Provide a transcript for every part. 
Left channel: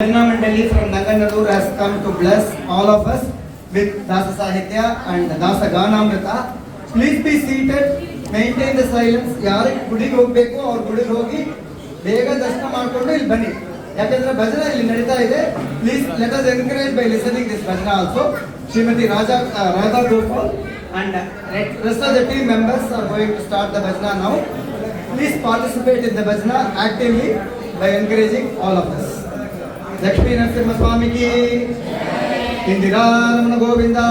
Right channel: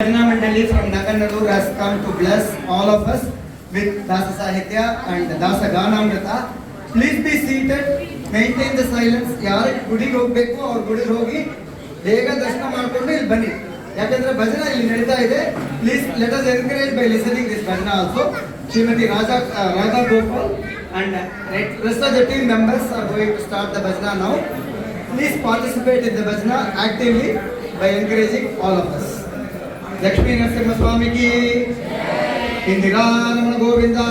Bhajana Mandali from Naganallur has come to bless all of us with Dasa Sahitya and Dasa Ganamrita. Please be seated, maintain the silence. ಯಾರು ಗುಡಿಗೆ ಹೋಗಬೇಕು ಅವ್ರ ಗುಡಿಗೆ ಹೋಗಿ ಬೇಗ ದರ್ಶನ ಮಾಡ್ಕೊಂಡು ಇಲ್ಲಿ ಬನ್ನಿ. ಯಾಕಂದ್ರೆ ಭಜನ ಇಲ್ಲಿ ನಡೀತಾ ಇದೆ. Please let us encourage by listening this bhajana also. Srimati Radha Gopal and rest of the team members are going to start the bhajana now. Please participate in the bhajana actively by encouraging all of us. Lakshmi Narasimha स्वामी की इंदिरा रमण गोविंदा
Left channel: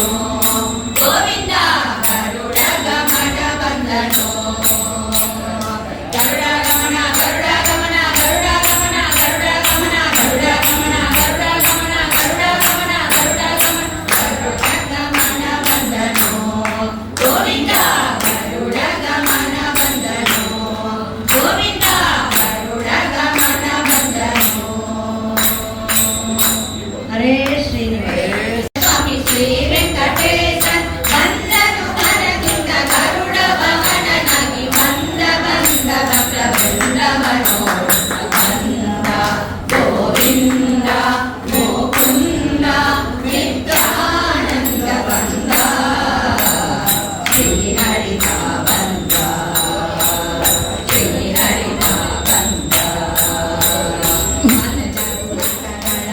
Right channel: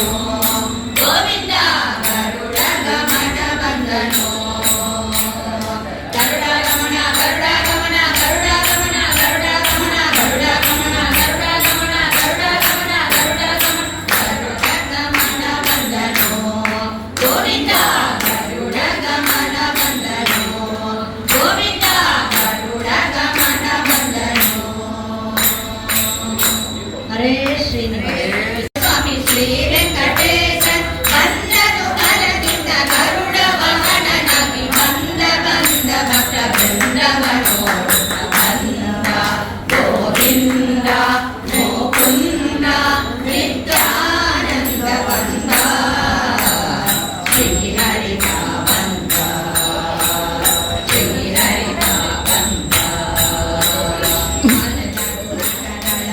ಗೋವಿಂದ ಗರುಡ ಗಮನ ಬಂದನು ಗರುಡ ಗಮನ ಗರುಡ ಗಮನ ಗರುಡ ಗಮನ ಗರುಡ ಗಮನ ಗರುಡ ಗಮನ ಗರುಡ ಗಮನ ಗರುಡ ಗಮನ ಗರುಡ ಗಮನ ಗರುಡ ಗಮನ ಬಂದನು ಗೋವಿಂದ ಗರುಡ ಗಮನ ಬಂದನು ಗೋವಿಂದ ಗರುಡ ಗಮನ ಬಂದನು ಹರೇ ಶ್ರೀ ಸ್ವಾಮಿ ಶ್ರೀ ವೆಂಕಟೇಶನ್ ಬಂದನು ಮರದಿಂದ ಗರುಡ ವಾಹನನಾಗಿ ಬಂದ ಬಂದ ಭಕ್ತ ಬೃಂದವನೋಡುತ್ತ ಬಂದ ಗೋವಿಂದ ಮುಕುಂದ ನಿತ್ಯಾನಂದ ಬಂದ ಶ್ರೀಹರಿತ ಬಂದ ಶ್ರೀಹರಿತ ಬಂದ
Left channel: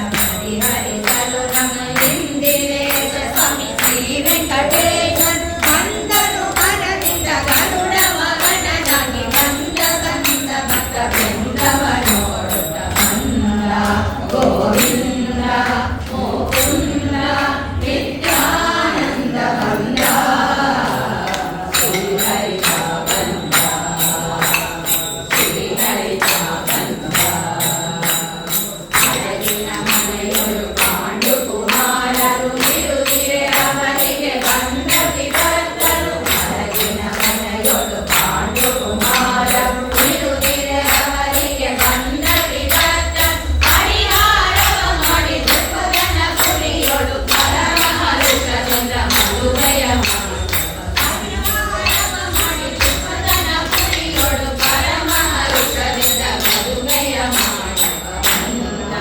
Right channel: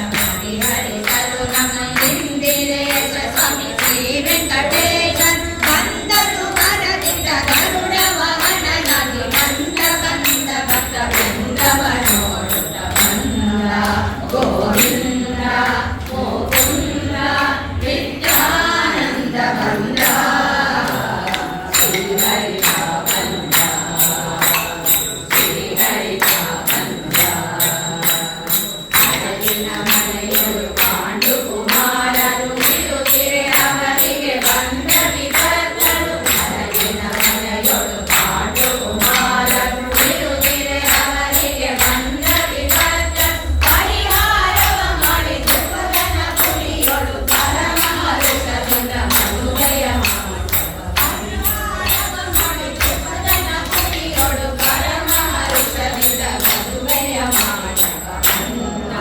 ಪರಿಹರಿಸಲು ಗಮನಿಂದಿರೇಶ ಸ್ವಾಮಿ ಶ್ರೀ ವೆಂಕಟೇಶನ್ ಬಂದನು ಮರದಿಂದ ಗರುಡ ವಾಹನನಾಗಿ ಬಂದ ಬಂದ ಭಕ್ತ ಬೃಂದವನೋಡುತ್ತ ಬಂದ ಗೋವಿಂದ ಮುಕುಂದ ನಿತ್ಯಾನಂದ ಬಂದ ಶ್ರೀಹರಿತ ಬಂದ ಶ್ರೀಹರಿತ ಬಂದ ಅರಗಿನ ಮನೆಯೊಳು ಪಾಂಡು ಕುಮಾರರು ಬಿಡುಗಿರೆ ಅವರಿಗೆ ಬಂದ ವಿಭಕ್ತರು ಅರಗಿನ ಮನೆಯೊಳು ಪಾಂಡು ಕುಮಾರರು ಬಿಡುಗಿರೆ ಅವರಿಗೆ ಬಂದ ವಿಭಕ್ತರು ಪರಿಹಾರವ ಮಾಡಿ ದುಃಖವನ್ನ ಪುರಿಯೊಳು ಪರಮಹರ್ಷದಿಂದ ಮದುವೆಯ ಪರಿಹಾರವ ಮಾಡಿ ದುಃಖವನ್ನ ಪುರಿಯೊಳು ಪರಮಹರ್ಷದಿಂದ ಮದುವೆಯ ಮಾಡವ ಬಂದ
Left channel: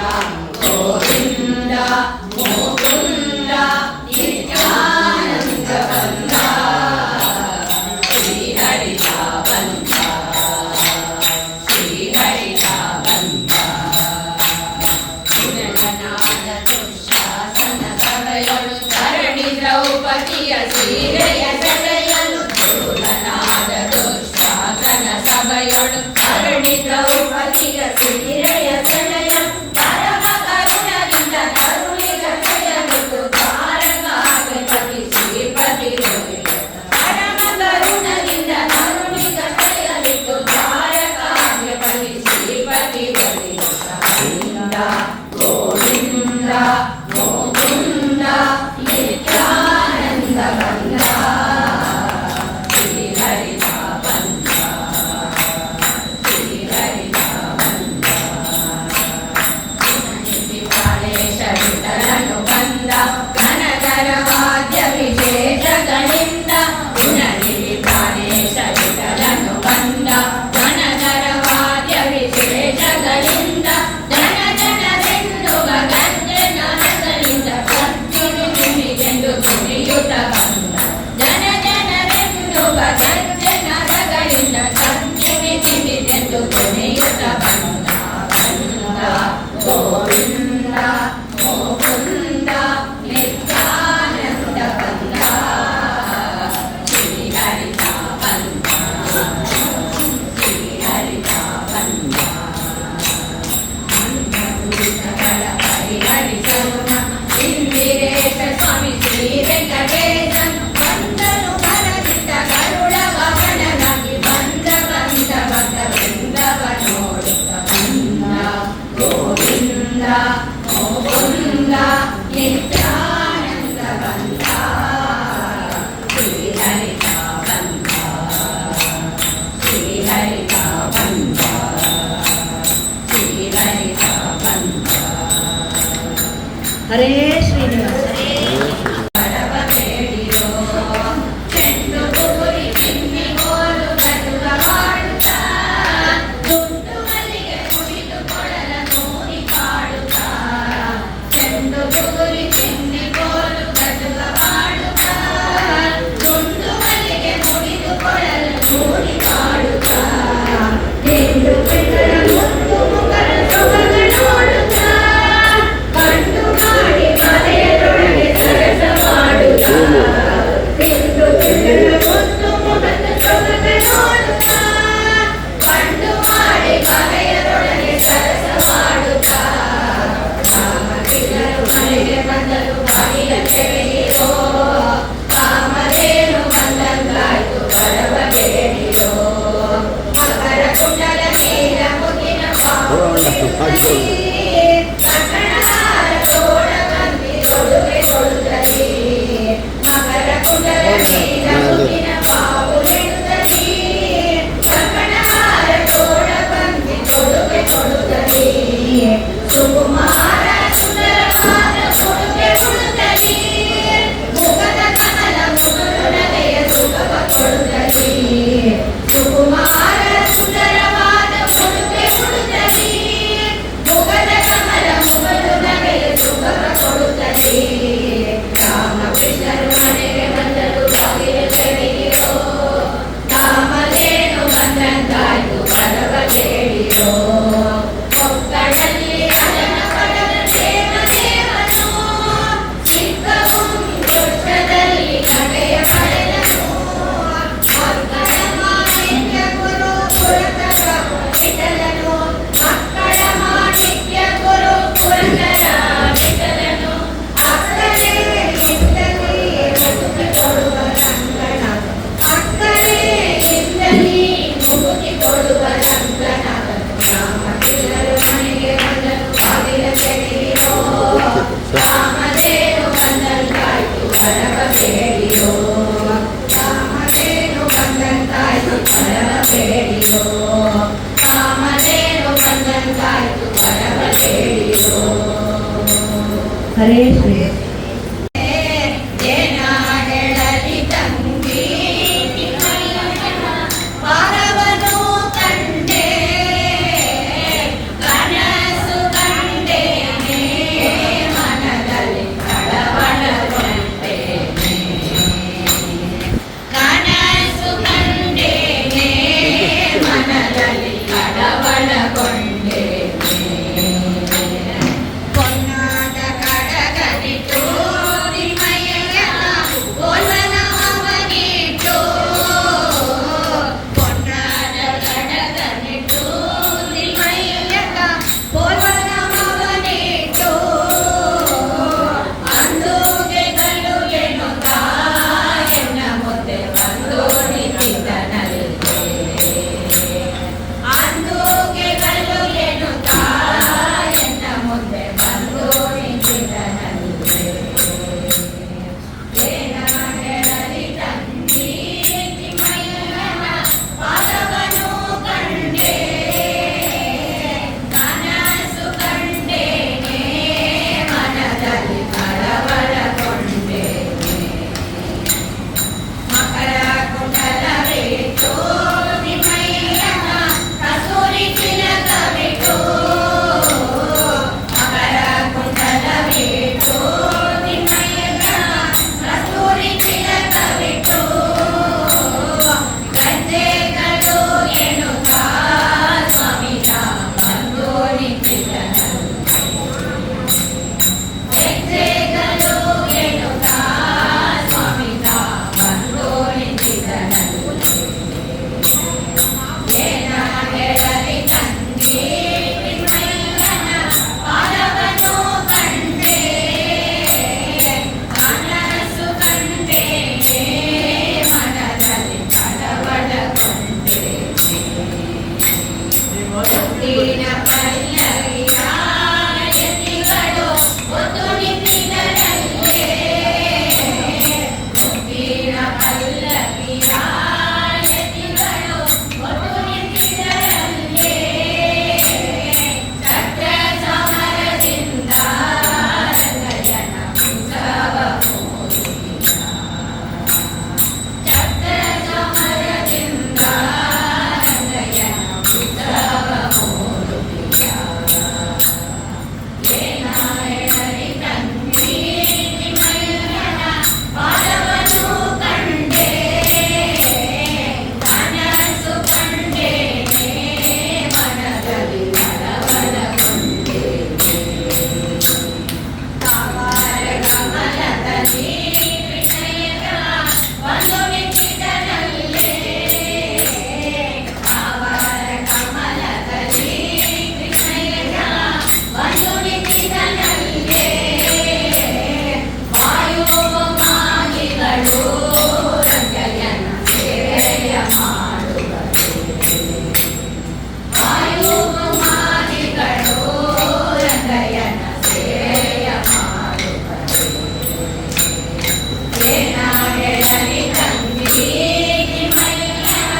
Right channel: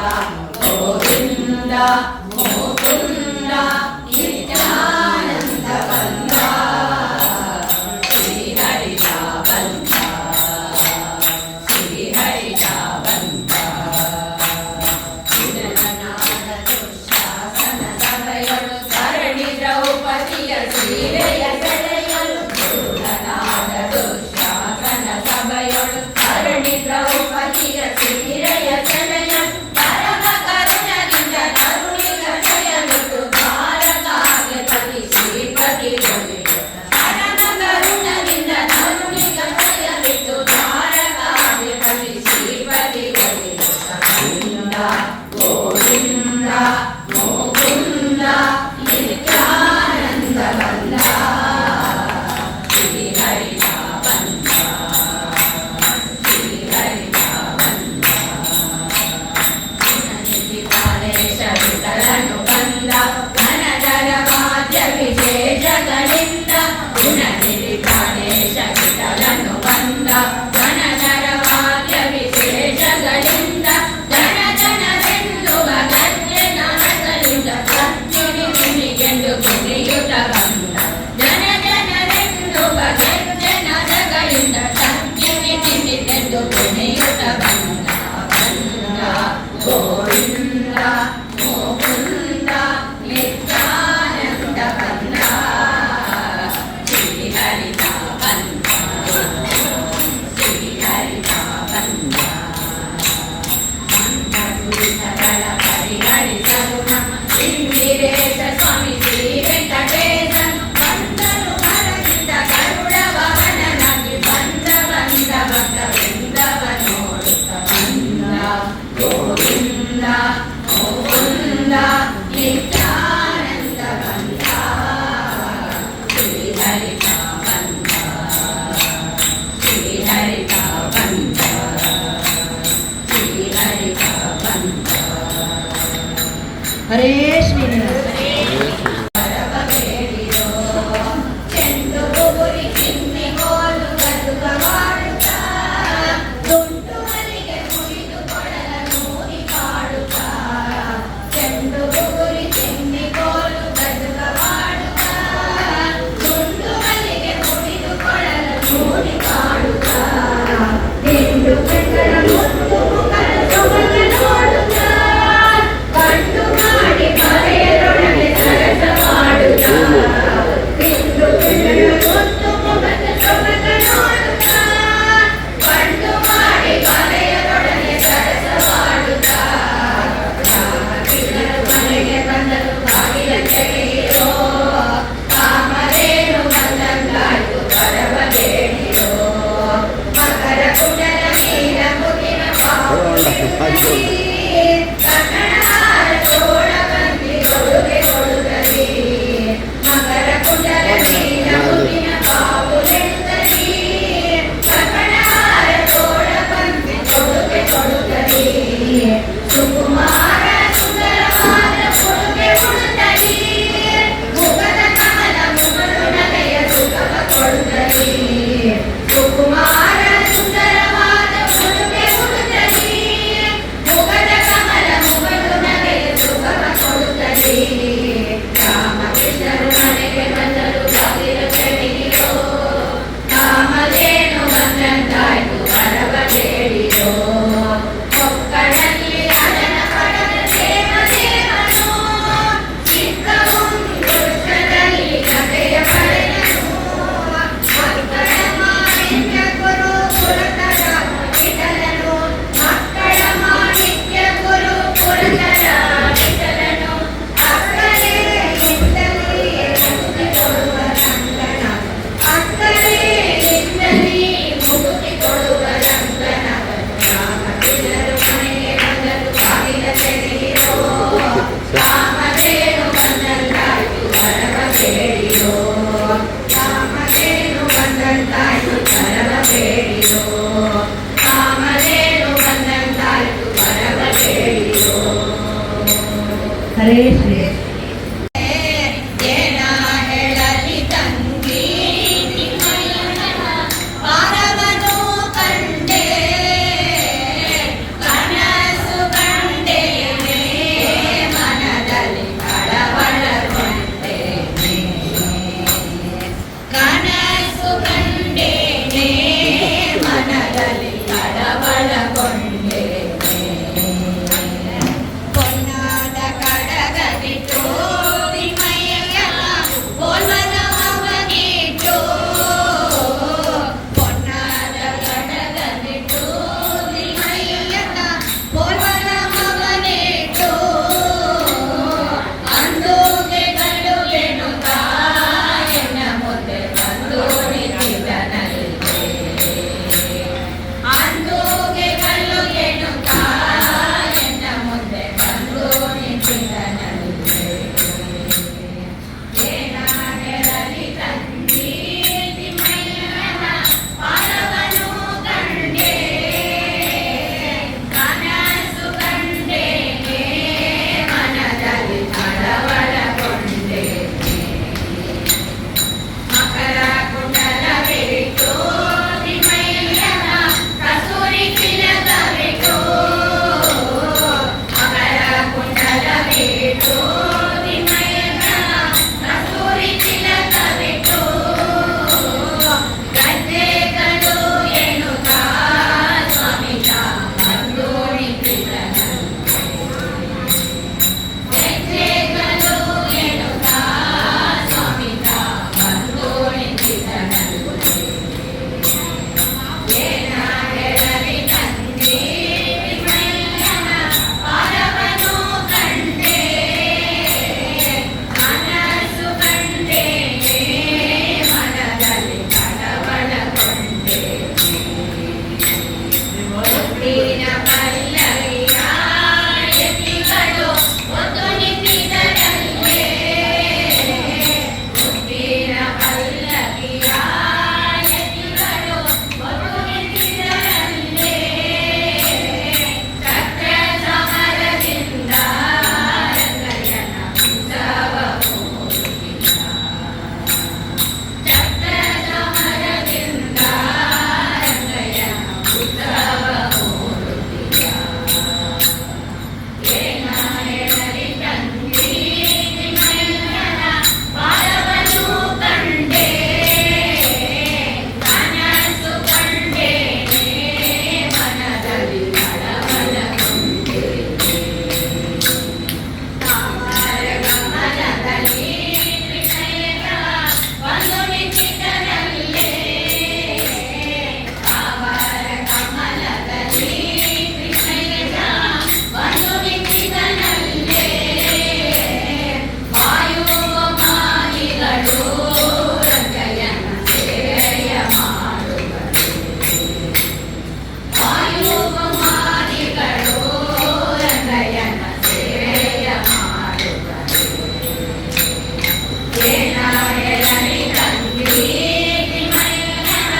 ಗೋವಿಂದ ಮುಕುಂದ ನಿತ್ಯಾನಂದ ಬಂದ ಶ್ರೀಹರಿತ ಬಂದ ಶ್ರೀಹರಿತ ಬಂದ ವಿನಯನಾದ ದುಶ್ಯಾಸನ ಸಭೆಯೊಳು ಧರಣಿ ದ್ರೌಪದಿಯ ಸೀರೆಯ ಸೆಳೆಯಲು ದುರ್ಗನಾದ ದುಶ್ಯಾಸನ ಸಭೆಯೊಳು ಧರಣಿ ದ್ರೌಪದಿಯ ಸೀರೆಯ ಸೆಳೆಯಲು ಪರಮ ಕರುಣದಿಂದ ಕರುಣಿಗತೆಯಲಿತು ದ್ವಾರಕಾಗೆ ಪತಿ ಶ್ರೀಪತಿ ಪರಮ ಕರುಣದಿಂದ ಕರುಣಿಗತೆಯಲಿತು ದ್ವಾರಕಾಗೆ ಪತಿ ಶ್ರೀಪತಿ ಬಂದ ಗೋವಿಂದ ಮುಕುಂದ ನಿತ್ಯಾನಂದ ಬಂದ ಶ್ರೀಹರಿತ ಬಂದ ಶ್ರೀಹರಿತ ಬಂದ ಶರಣು ಬಂದ ಘನಜರ ವಾದ್ಯ ವಿಶೇಷಗಳಿಂದ ಗುಣನಿಧಿ ಪ್ರಾಣೇಶ ವಿಠಲನು ಬಂದ ಘನಜರ ವಾದ್ಯ ವಿಶೇಷಗಳಿಂದ ಜನ ಜನರೆನ್ನುವ ಗರ್ಜೆ ನನಗಳಿಂದ ಕತ್ತಿನಿಗೆಂದು ಕುಣಿಯುತ್ತ ಬಂದ ಜನ ಜನರೆನ್ನುವ ಗರ್ಜೆ ನರಗಳಿಂದ ಕತ್ತಿನಿಗೆಂದು ಕುಣಿಯುತ್ತ ಬಂದ ಬಂದ ಗೋವಿಂದ ಮುಕುಂದ ನಿತ್ಯಾನಂದ ಬಂದ ಶ್ರೀಹರಿತ ಶ್ರೀ ಏನ ಹೇಳಲಿ ತಂಗಿ ಪಾದವನ್ನು ಕಂಡೆ ಕನಸು ಕಂಡೇನೆ ಮನದಲ್ಲಿ ಕಳವಳಗೊಂಡೇನೆ ಕನಸು ಕಂಡೇನೆ ಮನದಲ್ಲಿ ಕಳವಳಗೊಂಡೇನೆ ಪೊನ್ನಾದ ಕಡಗನಿಟ್ಟು ನಿಮಯ್ಯ ಬೋಲನವನಿಟ್ಟು ಪೊನ್ನಾದ ಕಡಗನಿಟ್ಟು ನಿಮಯ್ಯ ಬೋಲನವನಿಟ್ಟು ಅಂದುಗೆ ಕಳುವೆನುತ್ತ ಎನ್ನ ಮುಂದೆ ಬಂದು ನಿಂತಿದ್ದನಲ್ಲಿದೆ ಅಂದುಗೆ ಕಳುವೆನುತ್ತ ಎನ್ನ ಮುಂದೆ ಬಂದು ನಿಂತಿದ್ದನಲ್ಲಿದೆ ಏನ ಹೇಳಲಿ ತಂಗಿ ತಿಮ್ಮಯ್ಯನ ಪಾದವನ್ನು ಕಂಡೆ ಕನಸು ಕಂಡೇನೆ ಮನದಲ್ಲಿ ಕಳವಳಗೊಂಡೇನೆ ಮಕರ ಕುಂಡಲವಿಟ್ಟು ತಿಮ್ಮಯ್ಯನ ಕಸ್ತೂರಿ ತಿಲಕವಿಟ್ಟು ಮಕರ ಕುಂಡಲವಿಟ್ಟು ತಿಮ್ಮಯ್ಯನ ಕಸ್ತೂರಿ ತಿಲಕವಿಟ್ಟು ಗಜ್ಜೆಗಳು ಎನ್ನುತ್ತ ಸ್ವಾಮಿಯ ಬಂದು ನಿಂತಿದ್ದನಂತೆ ಹೆಜ್ಜೆಗಳು ಎನ್ನುತ್ತ ಸ್ವಾಮಿಯ ಬಂದು ನಿಂತಿದ್ದನಂತೆ ಏನ ಹೇಳಲಿ ತಂಗಿ ತಿಮ್ಮಯ್ಯನ ಪಾದವನ್ನು ಕಂಡೆ ಕನಸು ಕಂಡೇನೆ ಮನದಲ್ಲಿ ಕಳವಳಗೊಂಡೇನೆ ಮುತ್ತಿನ ಪಲ್ಲವಿಯ ಎತ್ತಿಗಳು ಒಂದು ನಿಂತಿದ್ದರಲ್ಲೇ ಮುತ್ತಿನ ಪಲ್ಲವಿಯ ಎತ್ತಿಗಳು ಒಂದು ನಿಂತಿದ್ದರಲ್ಲೇ ಚಕ್ರ ಸಮರದಿಂದ ರಂಗಯ್ಯನ ಉತ್ಸವ ಮೂಡಿದ ಚಕ್ರ ಸಮರದಿಂದ ರಂಗಯ್ಯನ ಉತ್ಸವ ಮೂಡಿದ ಏನ ಹೇಳಲಿ ತಂಗಿ ತಿಮ್ಮಯ್ಯನ ಪಾದವನ್ನು ಕಂಡೆ ಕನಸು ಕಂಡೇನೆ ಮನದಲ್ಲಿ ಕಳವಳಗೊಂಡೇನೆ ತಾವರ ಕಮಲದಲ್ಲಿ ಕೃಷ್ಣಯ್ಯ ಬಂದು ನಿಂತಿದ್ದರಲ್ಲೇ ತಾವರ ಕಮಲದಲ್ಲಿ ಕೃಷ್ಣಯ್ಯ ಬಂದು ನಿಂತಿದ್ದನಲ್ಲೇ ವಾಯುಮಾನಿಗಳು ರಂಗಯ್ಯನ ಸೇವೆಯ ಮಾಡುವರು ವಾಯುಮಾನಿಗಳು ರಂಗಯ್ಯನ ಸೇವೆಯ ಮಾಡುವರು ಏನ ಹೇಳಲಿ ತಂಗಿ ತಿಮ್ಮಯ್ಯನ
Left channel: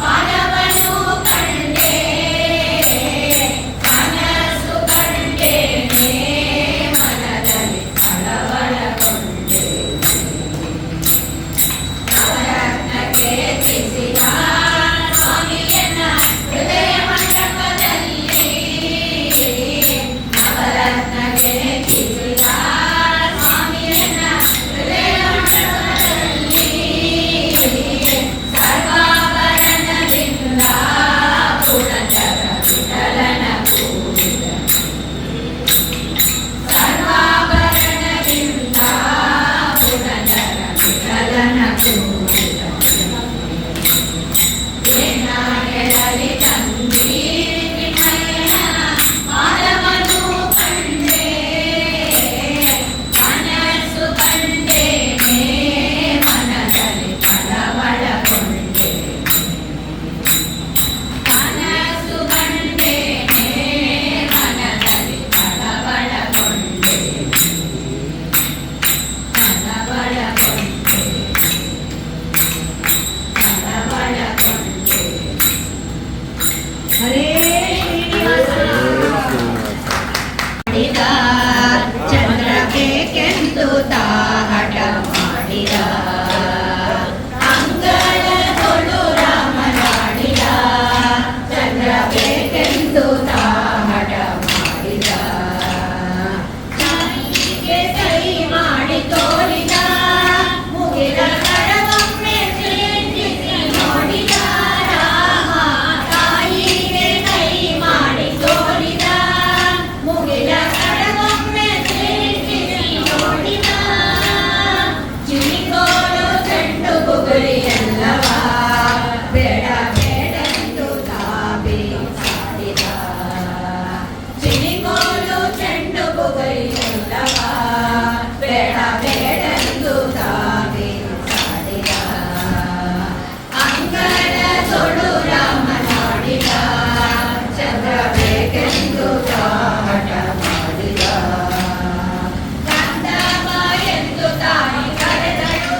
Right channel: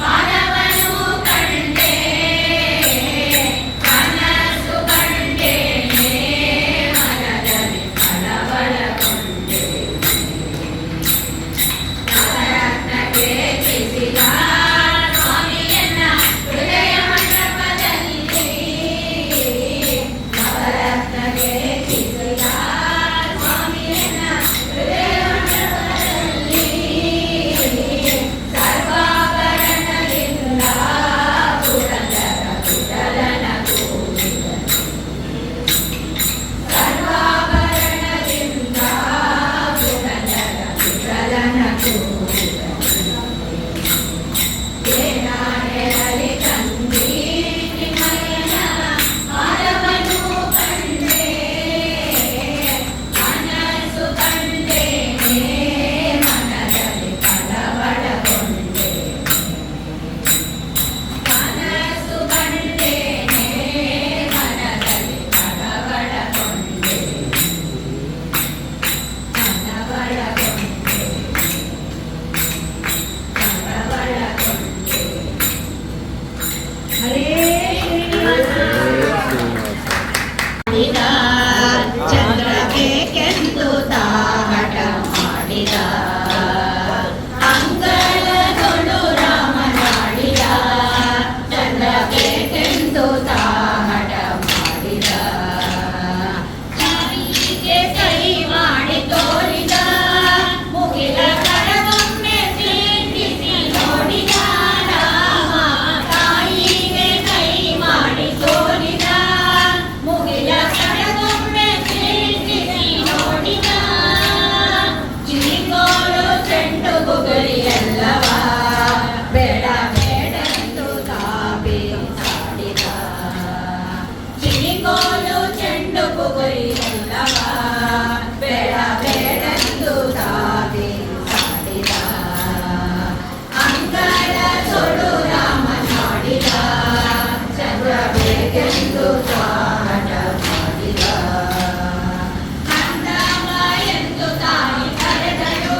ಪಾದವನ್ನು ಕಂಡೆ ಕನಸು ಕಂಡೇನೆ ಮನದಲ್ಲಿ ಕಳವಳಗೊಂಡೇನೆ ನವರತ್ನಕ್ಕೆ ಚಿಸಿದ ಸ್ವಾಮಿಯನ್ನ ಹೃದಯ ಮಂಟಪದಲ್ಲಿ ನವರತ್ನಕ್ಕೆ ಚಿಸಿದ ಸ್ವಾಮಿಯನ್ನ ಹೃದಯ ಮಂಟಪದಲ್ಲಿ ಸರ್ವಾಭರಣದಿಂದ ಪುರಂದರ ವಿಠಲನ ಕೂಡಿದನು ಸರ್ವಾಭರಣದಿಂದ ಪುರಂದರ ವಿಠಲನ ಕೂಡಿದನು ಏನ ಹೇಳಲಿ ತಂಗಿ ತಿಮ್ಮಯ್ಯನ ಪಾದವನ್ನು ಕಂಡೆ ಕನಸು ಕಂಡೇನೆ ಮನದಲ್ಲಿ ಕಳವಳಗೊಂಡೇನೆ ಕನಸು ಕಂಡೇನೆ ಮನದಲ್ಲಿ ಕಳವಳಗೊಂಡೇನೆ ಕಳವಳಗೊಂಡೇನೆ ಮಾಡಿದ ಅಂಗಳದೊಳು ರಾಮನಾಡಿದ ಚಂದ್ರ ಬೇಕೆಂದು ತಾಹಟ ಮಾಡಿದ ತಾಯಿಗೆ ಕೈ ಮಾಡಿ ತೋರಿದ ಮುಗಿಲ ಕಡಗೊಮ್ಮೆ ಪ್ರೀತಿಸಿ ನೋಡಿದ ರಾಮ ತಾಯಿಗೆ ಕೈ ಮಾಡಿ ತೋರಿದ ಮುಗಿಲ ಕಡಗೊಮ್ಮೆ ಪ್ರೀತಿಸಿ ನೋಡಿದ ಚಿಲಿಗೋಳು ಚೆಂಡು ಬುಗುರಿ ಎಲ್ಲವ ಬೇಡ ಬೇಡೆಂದು ತಾಬಿ ಸಾಡಿದ ಚಿಲಿಗೋಲು ಚೆಂಡು ಬುಗುರಿ ಎಲ್ಲವ ಬೇಡ ಬೇಡೆಂದು ತಾಬಿ ಸಾಡಿದ ಅಂಗಳದೊಳು ರಾಮ ನೋಡಿದ ಚಂದ್ರ ಬೇಕೆಂದು ತಾಟ ಮಾಡಿದ ಕಂದವ ಎಂದು ತಾಯಿ ಕರೆದಳು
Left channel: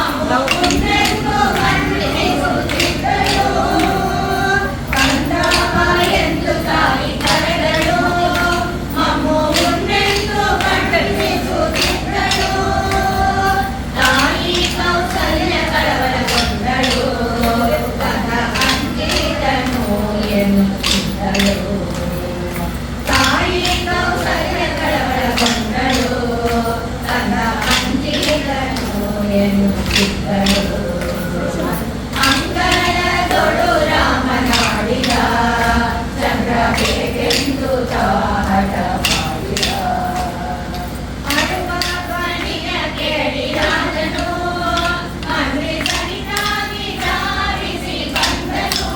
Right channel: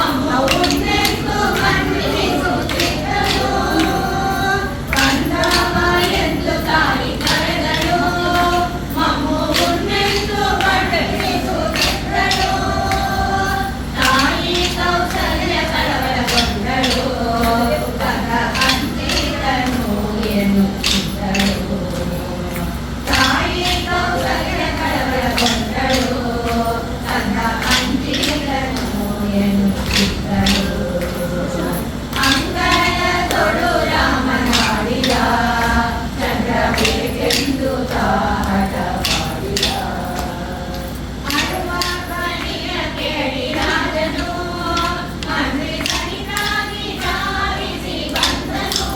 ಅಮ್ಮ ಉಂಡೆಂದು ಮಣ್ಣಿಸುತ್ತಿದ್ದಳು ಕಂದವ ಎಂದು ತಾಯಿ ಕರೆದಳು ಮಮ್ಮು ಉಂಡೆಂದು ಮಣ್ಣಿಸುತ್ತಿದ್ದಳು ತಾಯಿ ಕೌಸಲ್ಯ ಕಳವಳಗೊಂಡಳು ತನ್ನ ಅಂಜಿದನು ಎನ್ನುತ್ತಿದ್ದಳು ತಾಯಿ ಕೌಸಲ್ಯ ಕಳವಳಗೊಂಡಳು ತನ್ನ ಅಂಜಿದನು ಎನ್ನುತ್ತಿದ್ದಳು ಅಂಗಳದೊಳು ರಾಮನಾಡಿದ ಚಂದ್ರ ಬೇಕೆಂದು ತಾಹಟ ಮಾಡಿದ ಅಳುವ ಧ್ವನಿಯ ಕೇಳಿ ರಾಜನು ಅಮೃತನಿಗಾಗಿ ಧಾವಿಸಿ ಬಂದನು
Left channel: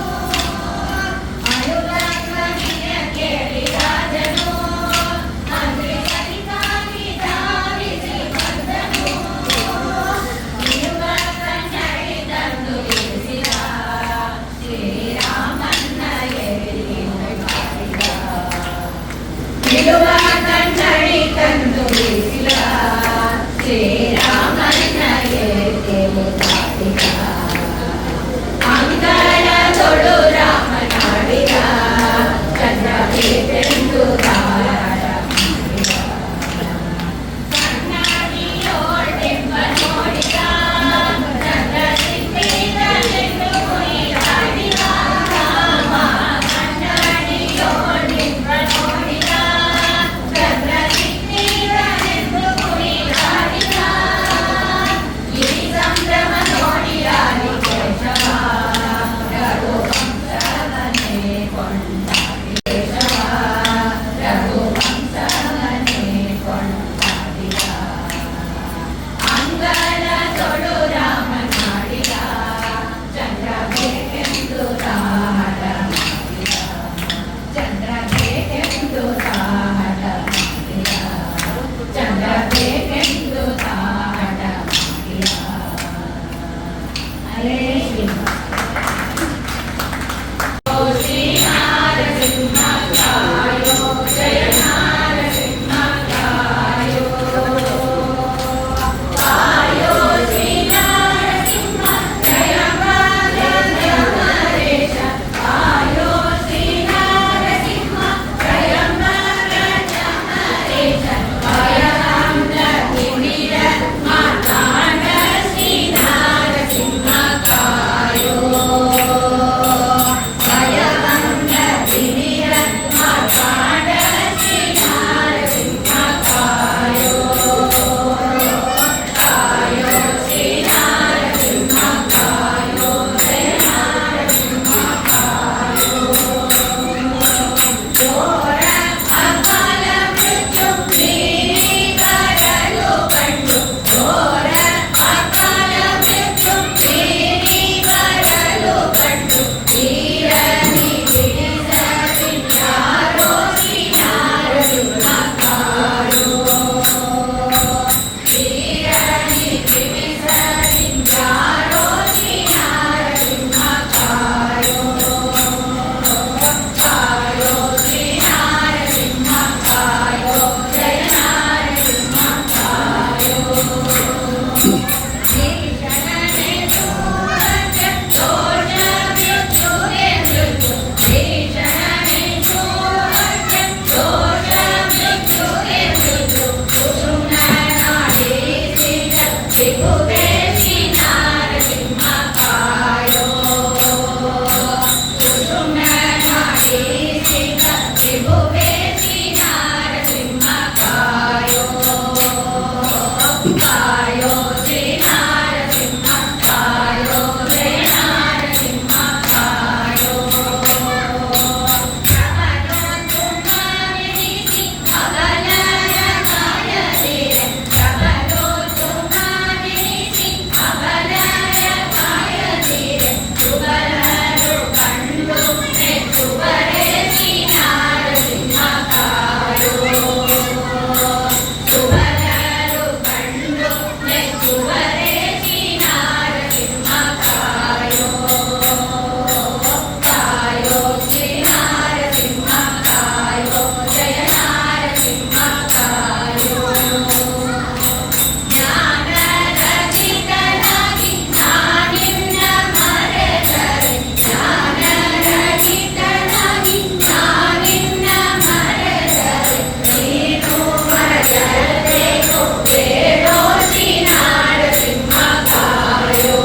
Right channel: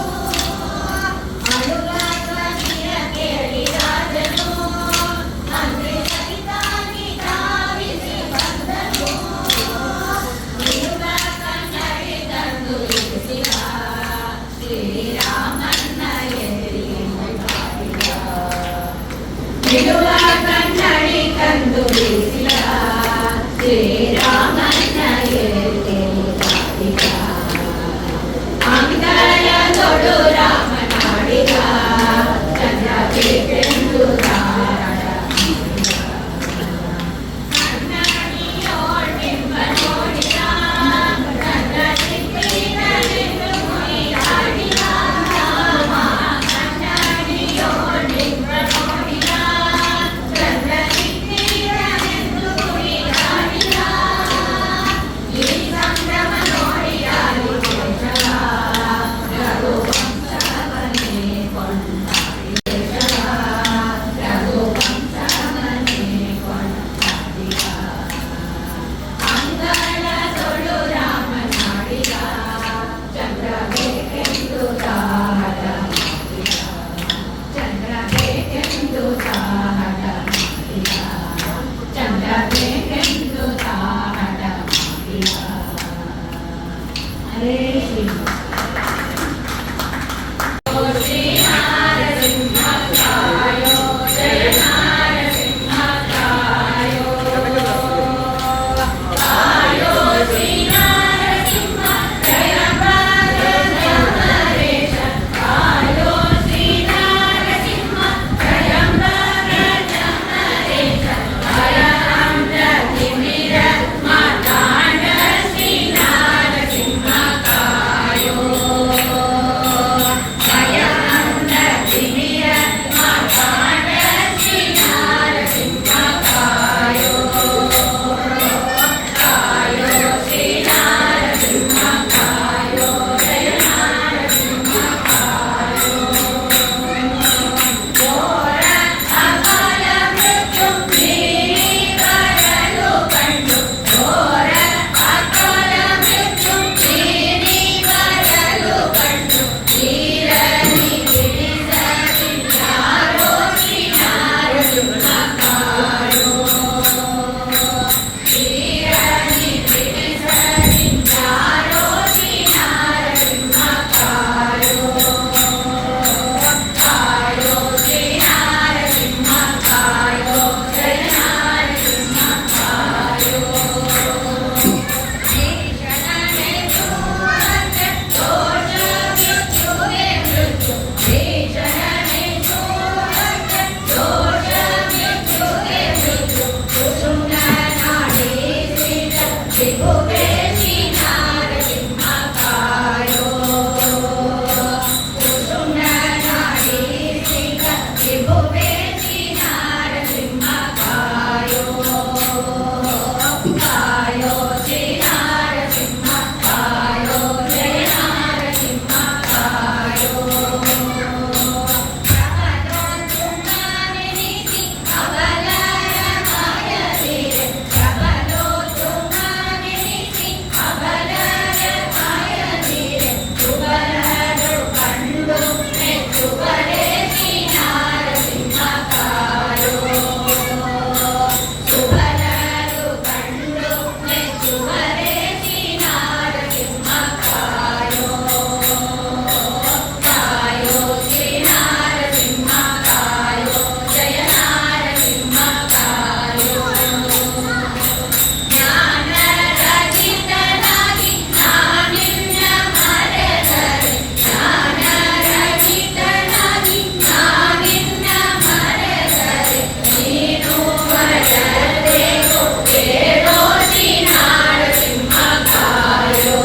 ಅಳುವ ಧ್ವನಿಯ ಕೇಳಿ ರಾಜನು ಅಮೃತನಿಗಾಗಿ ಧಾವಿಸಿ ಬಂದನು ಇರುವ ಕನ್ನಡ ತ್ರಿಭುವೆ ಶ್ರೀ ನಾರಸಿಂಹ ಕಾಯೋ ಕುಸುಮನಾಧೀಸಿತ ತ್ರಿಭುವೆ ಶ್ರೀ ನಾರಸಿಂಹ ಕಾಯೋ ಕಾಯೋ ಶ್ರೀ ನಾರಸಿಂಹ ಕಾಯೋ ಜಯ ನಾರಸಿಂಹ ಕಾಯೋ ಪ್ರಬಲೋತ್ತುಂಗವೆನಿಸಿ ಅಬಲರ ಕಾಯದಿರೆ ಪ್ರಬಲೋತ್ತುಂಗವೆನಿಸಿ ಅಬಲರ ಕಾಯದಿರೆ ಸುಬಲರು ಕಂಡು ಮೆಚ್ಚುವರೆ ಶ್ರೀ ನಾರಸಿಂಹ ಕಾಯೋ ಸುಬಲರು ಕಂಡು ಮೆಚ್ಚುವರೆ ಶ್ರೀ ನಾರಸಿಂಹ ಕಾಯೋ ಕಾಯೋ ಶ್ರೀ ನಾರಸಿಂಹ ಕಾಯೋ ಜಯ ನಾರಸಿಂಹ ಕಾಯೋ ಜ್ಞಾನರಹಿತನಾಗಿ ನಾನಿನ್ನ ಮರೆತರೆ ಜ್ಞಾನರಹಿತನಾಗಿ ನಾನಿನ್ನ ಮರೆತರೆ ನೀನು ಮರೆತರೇಕೋ ಬೇಡೋ ಶ್ರೀ ನಾರಸಿಂಹ ಕಾಯೋ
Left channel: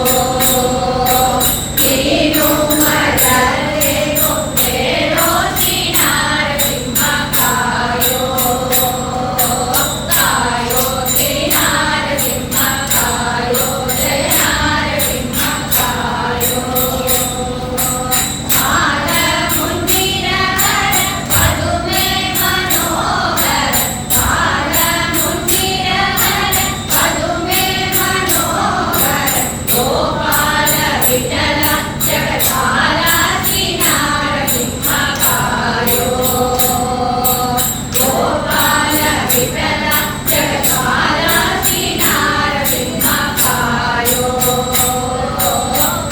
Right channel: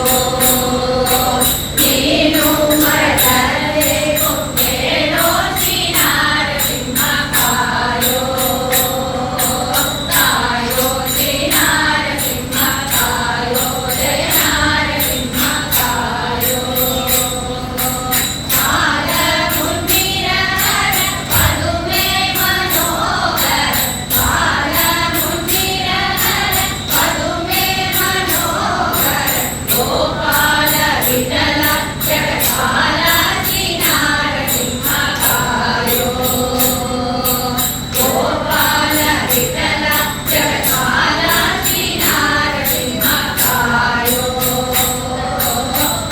ನೀನು ಮರೆತರೇಕೋ ಬೇಡೋ ಶ್ರೀ ನಾರಸಿಂಹ ಕಾಯೋ ಕಾಯೋ ಶ್ರೀ ನಾರಸಿಂಹ ಕಾಯೋ ಜಯ ನಾರಸಿಂಹ ಕಾಯೋ ಹಾರ ಮುಂದಿರವರ ಪದುಮೆ ಮನೋಹರ ಹಾರ ಮುಂದಿರವರ ಪದುಮೆ ಮನೋಹರ ಗೋಪಾಲ ವಿಠಲ ಜಗತ್ಪಾಲ ಶ್ರೀ ನಾರಸಿಂಹ ಕಾಯೋ ಗೋಪಾಲ ವಿಠಲ ಜಗತ್ಪಾಲ ಶ್ರೀ ನಾರಸಿಂಹ ಕಾಯೋ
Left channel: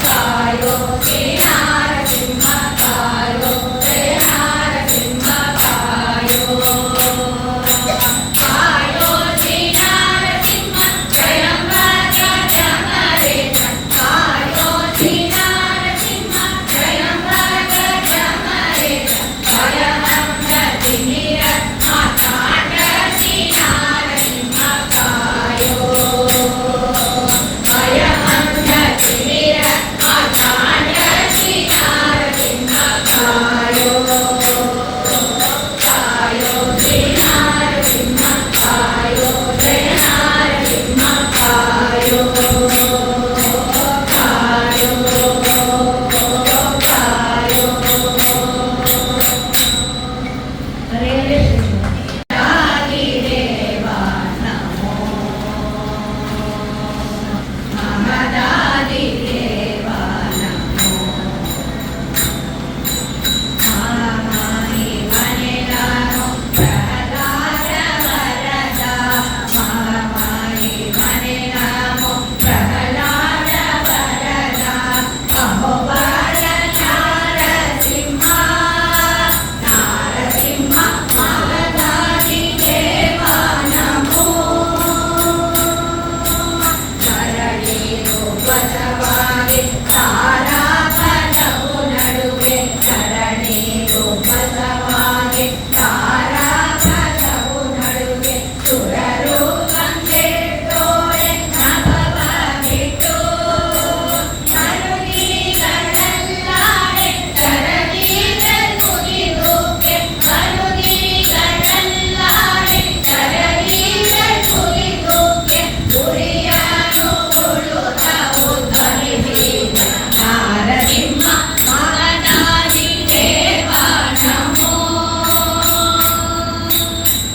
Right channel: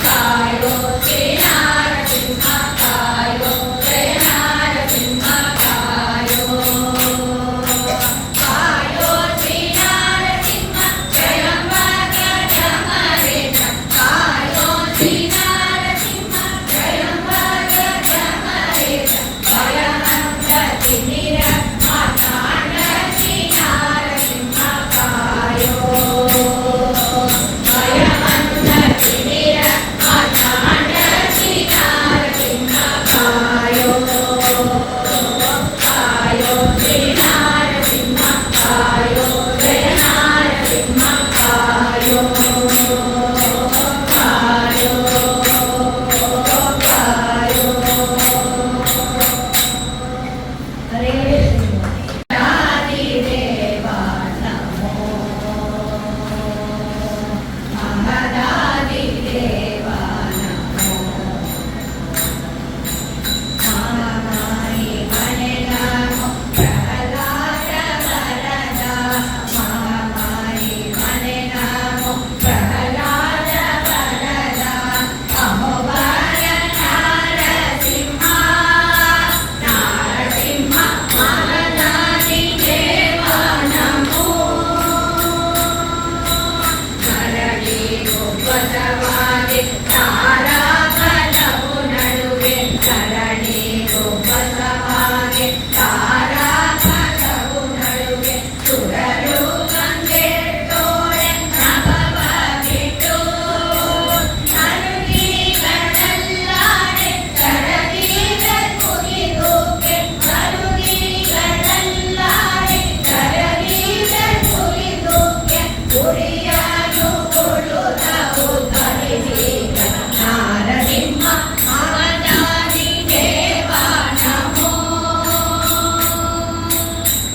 ಕಾಯೋ ಶ್ರೀ ನಾರಸಿಂಹ ಕಾಯೋ ಜಯ ನಾರಸಿಂಹ ಕಾಯೋ ಕಾಯೋ ಶ್ರೀ ನಾರಸಿಂಹ ಜಯಂಬರ ಜಮರೇಶ ಕಾಯೋ ಶ್ರೀ ನಾರಸಿಂಹ ಜಯಂಬರ ಜಮರೇಶ ಭಯಮಂತ ತಿಮಿರ ಮಾತಾಂಡ ಶ್ರೀ ನಾರಸಿಂಹ ಕಾಯೋ ಭಯಮಂತ ತಿಮಿರ ಮಾತಾಂಡ ಶ್ರೀ ನಾರಸಿಂಹ ಕಾಯೋ ಕಾಯೋ ಶ್ರೀ ನಾರಸಿಂಹ ಕಾಯೋ ಜಯ ನಾರಸಿಂಹ ಕಾಯೋ ಕಾಯೋ ಕಾಯೋ ಹರೇ ಆದಿದೇವ ನಮೋ ಮಹದಾದಿದೇವ ನಮೋ ಮಹಾಮಾಯಿ ಮನೆ ನಮೋ ಪ್ರಹ್ಲಾದ ವರದ ಮಹಾಮಾಯಿ ಮನೆ ನಮೋ ಪ್ರಹ್ಲಾದ ವರದ ಅಹೋಬಲ ನಾರಸಿಂಹ ನಾರಸಿಂಹ ಮಹದಾದಿದೇವ ನಮೋ ಧರಣಿ ಗೋಪಸವಾಗಿ ತಾರಾಗಣವು ನಡುವೆ ಧರಣಿ ಗೋಪಸವಾಗಿ ತಾರಾಗಣವು ನಡುವೆ ಸುರರು ಕಂಗೆಟ್ಟೋರೆ ನಭವ ಬಿಟ್ಟು ಮರುಗಿಗಳಲ್ಲಾಡೆ ಕರಗಿದಲ್ ಮುಗಿದೋಕೆ ಮರುಗಿಗಳಲ್ಲಾಡೆ ಕರಗಿದಲ್ ಮುಗಿದೋಕೆ ಗುರಿಯಾನು ಉಳುತ್ತವು ಧರಿಸಿದ ನಾರಸಿಂಹ ಮಹದಾದಿದೇವ ನಮೋ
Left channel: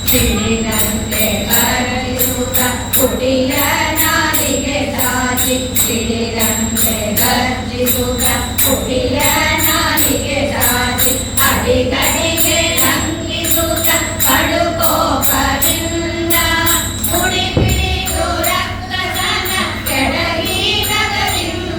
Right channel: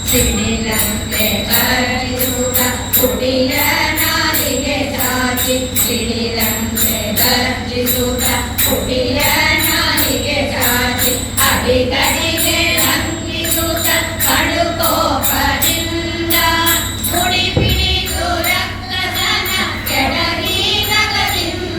ಸಿಡಿಲಂತೆ ಗರ್ಜಿಸುತ್ತ ಕುಡಿಯ ನಾಲಿಗೆ ಚಾಚಿ ಸಿಡಿಲಂತೆ ಗರ್ಜಿಸುತ್ತ ಕುಡಿಯ ನಾಲಿಗೆ ಚಾಚಿ ಅಡಿಗಡಿಗೆ ಲಂಘಿಸುತ್ತ ಕಡುಕೋಪದಿಂದ ಮುಡಿ ಪಿಡಿದು ರಕ್ತದನ ಕೆಳಗಿದದಿಂದ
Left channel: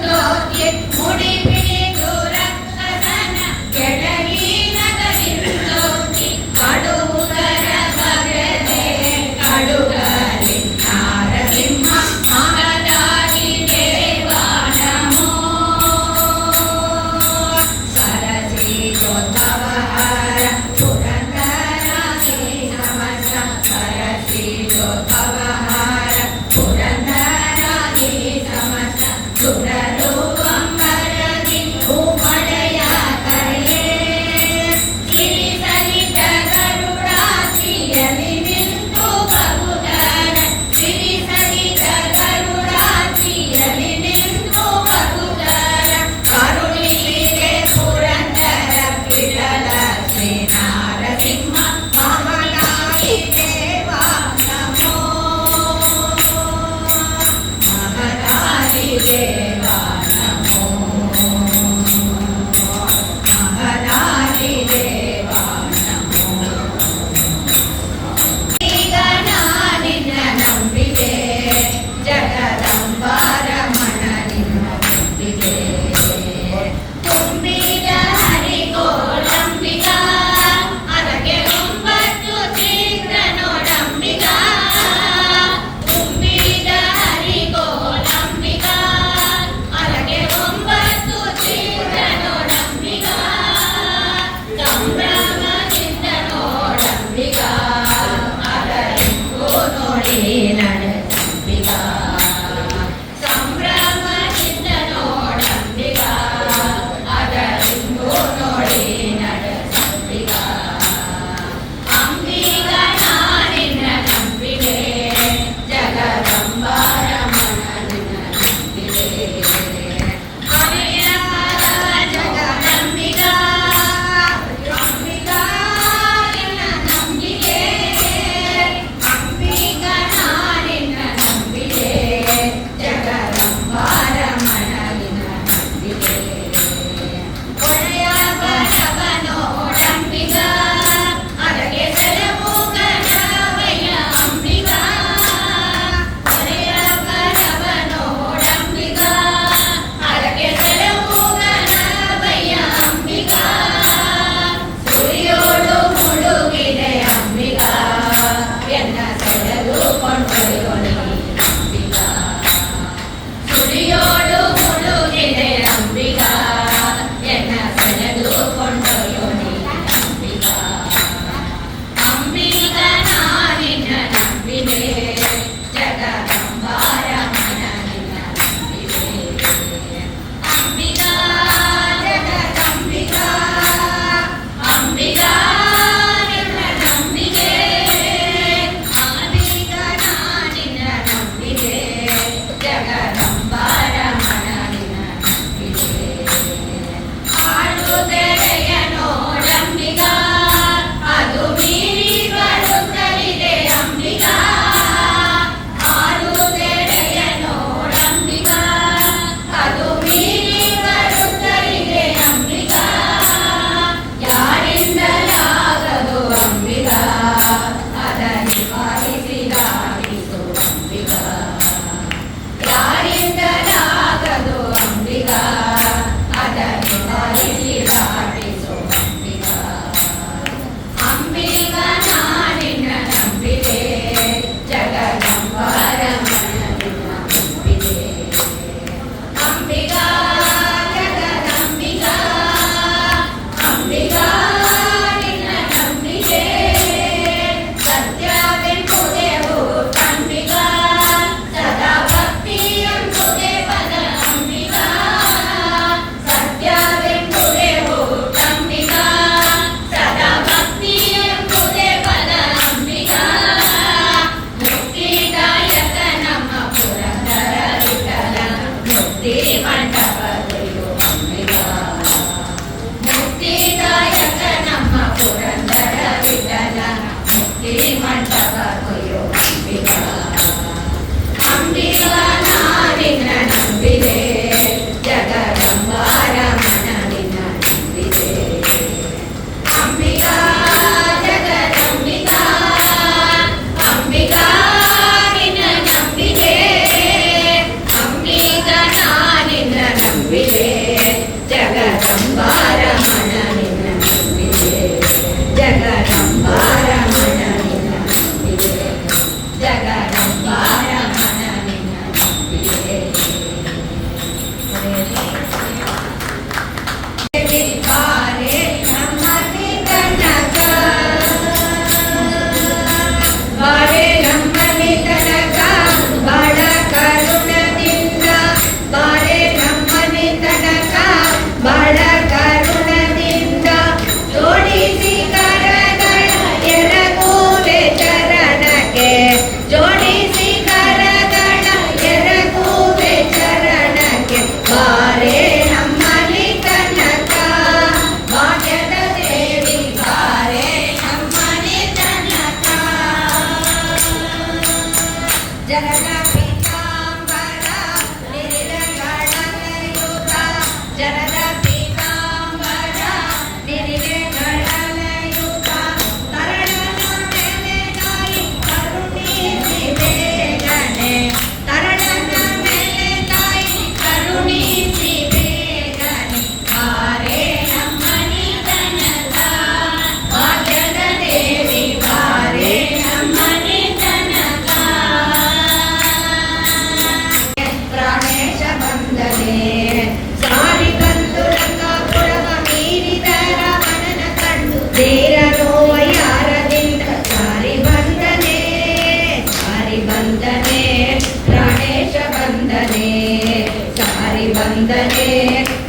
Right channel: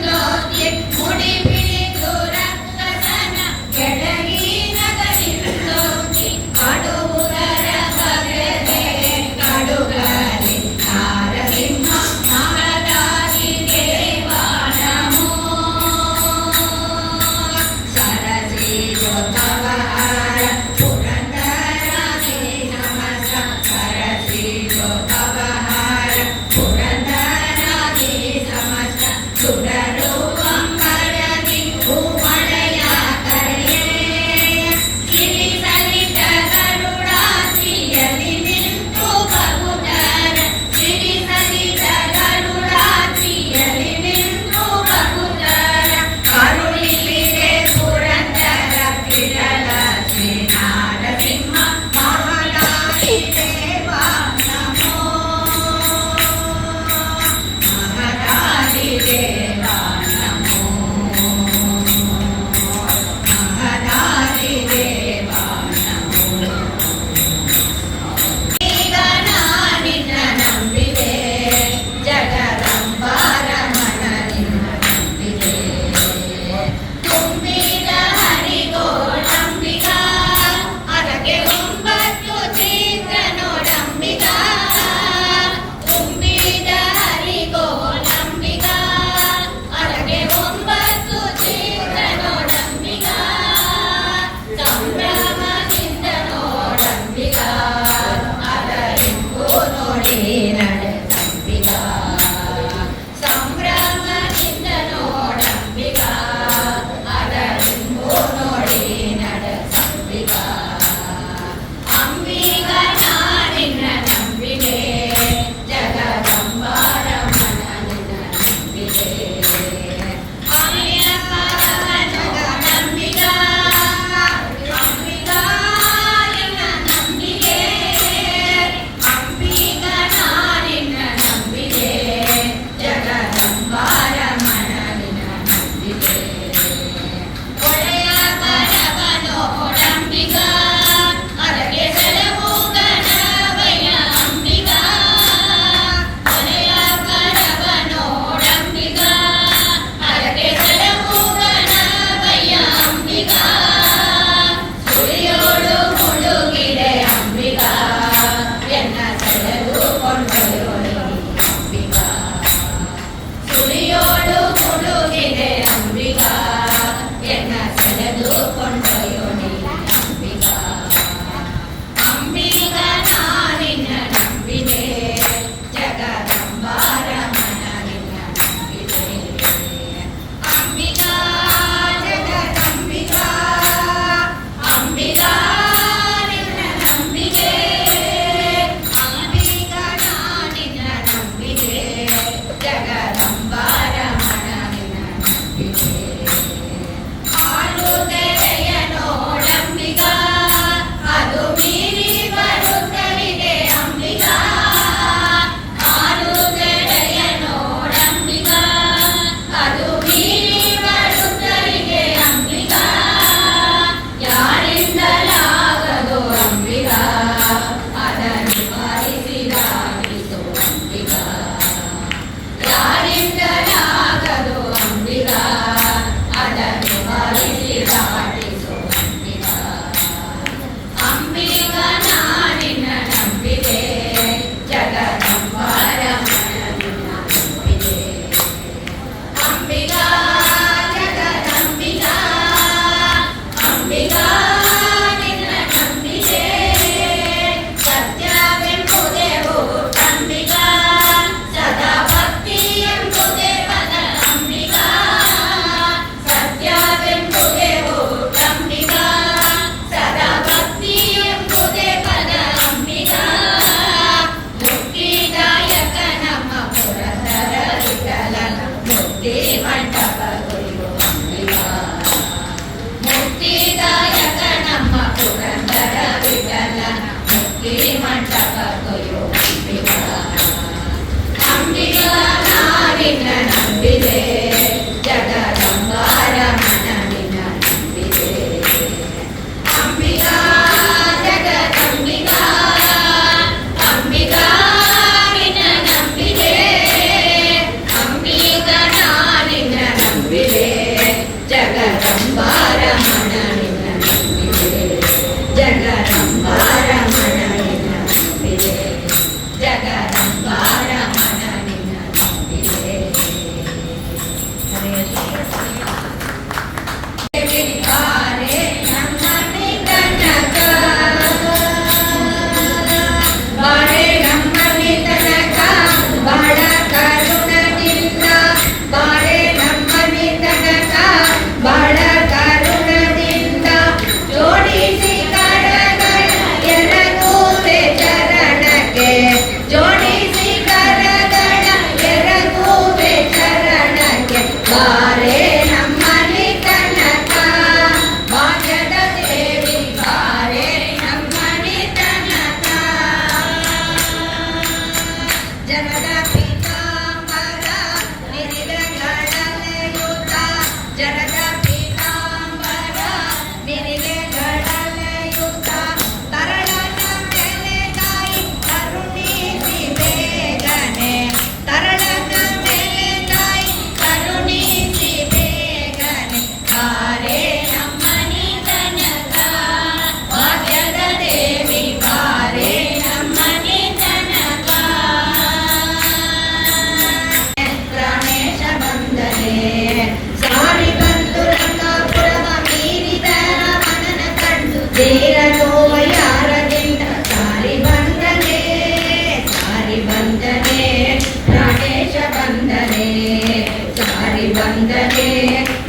ವಂದನೆ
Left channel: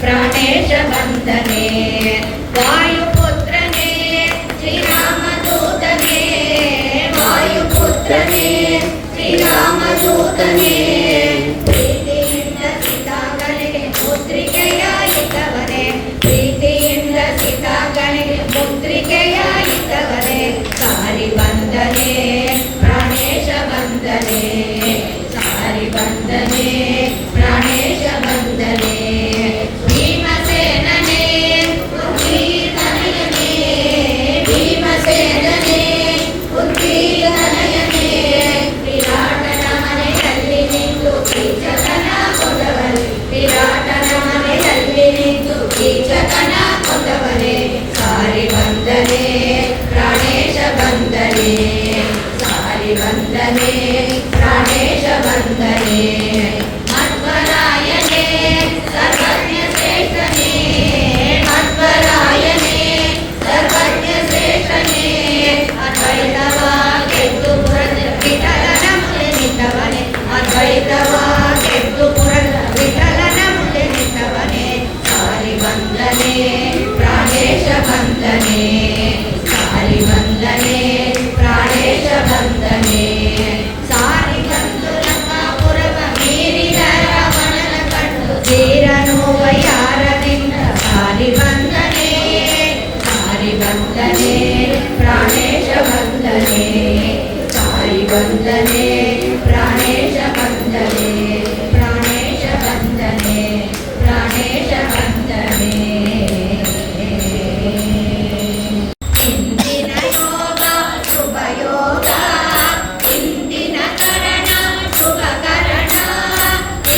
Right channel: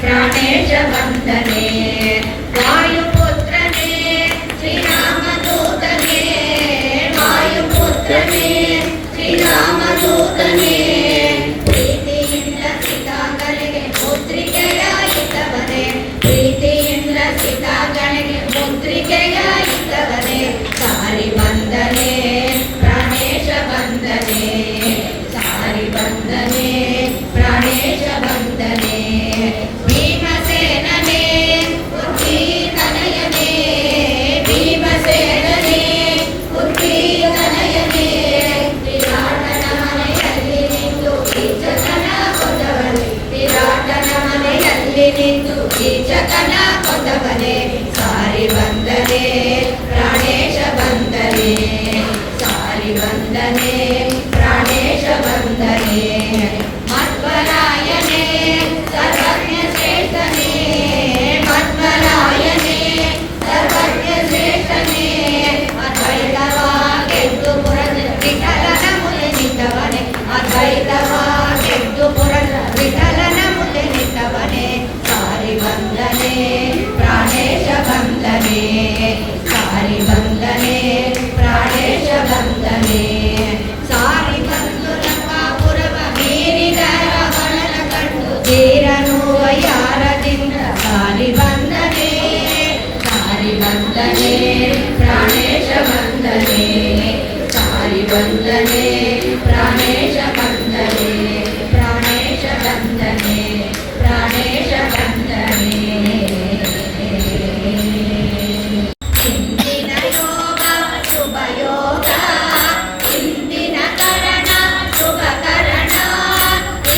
ಪ್ರಾಣೇಶ ವಂದನೆ ವಾಯುಪುತ್ರನೇ ಶ್ರೀರಾಮದೂತನೇ ವಾಯುಪುತ್ರನೇ ಶ್ರೀರಾಮದೂತನೇ ಪ್ರೀತಿಯಿಂದ ಸೀತಾಗಳಿಗೆ ಪುತ್ರಿಕೆಯಾಯಿತವನೇ ಪ್ರೀತಿಯಿಂದ ಸೀತಾಗಳಿಗೆ ಪುತ್ರಿಕೆಯಾಯಿತವನೇ ಸಾರಿ ವಂದನೆ ಪ್ರಾಣೇಶ ವಂದನೆ ಸಾರಿ ವಂದನೆ ಪ್ರಾಣೇಶ ವಂದನೆ ಭೀಮಸೇನನೇ ಉತ್ತೀರ್ಣನಯನೇ ಭೀಮಸೇನನೇ ಉತ್ತೀರ್ಣನಯನೇ ವಿರಾಟನ ಮನೆಯಲ್ಲಿ ನಿಂತು ಕೀಚಕನ ಕೊಂದವಳೆ ವಿರಾಟನ ಮನೆಯಲ್ಲಿ ನಿಂತು ಕೀಚಕನ ಕೊಂದವಳೆ ಸಾರಿ ವಂದನೆ ಪ್ರಾಣೇಶ ವಂದನೆ ಸಾರಿ ವಂದನೆ ಪ್ರಾಣೇಶ ವಂದನೆ ಮಧ್ವರಾಯನೇ ಸರ್ವಜ್ಞ ಶ್ರೇಷ್ಠನೇ ಮಧ್ವರಾಯನೇ ಸರ್ವಜ್ಞ ಶ್ರೇಷ್ಠನೇ ಅದ್ವೈತವಾಗೆದ್ದು ಪುರದ ವಿಠಲನ ಮುಂದೆ ನಿಂತವನೇ ಅದ್ವೈತವಾಗೆದ್ದು ಪುರದ ವಿಠಲನ ಮುಂದೆ ನಿಂತವನೇ ಸಾರಿ ವಂದನೆ ಪ್ರಾಣೇಶ ವಂದನೆ ಸಾರಿ ವಂದನೆ ಪ್ರಾಣೇಶ ವಂದನೆ ಸಾರಿ ಬಂದು ಲಂಕಾಪುರವ ಮೀರಿದ ರಾವಣನ ಕಂಡು ತೀರನು ಯಾರದಿಂದ ಸಾರಿ ವಂದನೆ ಪ್ರಾಣೇಶ ವಂದನೆ ಸಾರಿ ವಂದನೆ ಪ್ರಾಣೇಶ ವಂದನೆ ಪ್ರಾಣೇಶ ವಂದನೆ ಪ್ರಾಣೇಶ ವಂದನೆ ಇಂದಿನ ಯೋಗ ಶುಭ ಯೋಗ ಇಂದಿನ ಕರಣ ಶುಭ ಕರಣ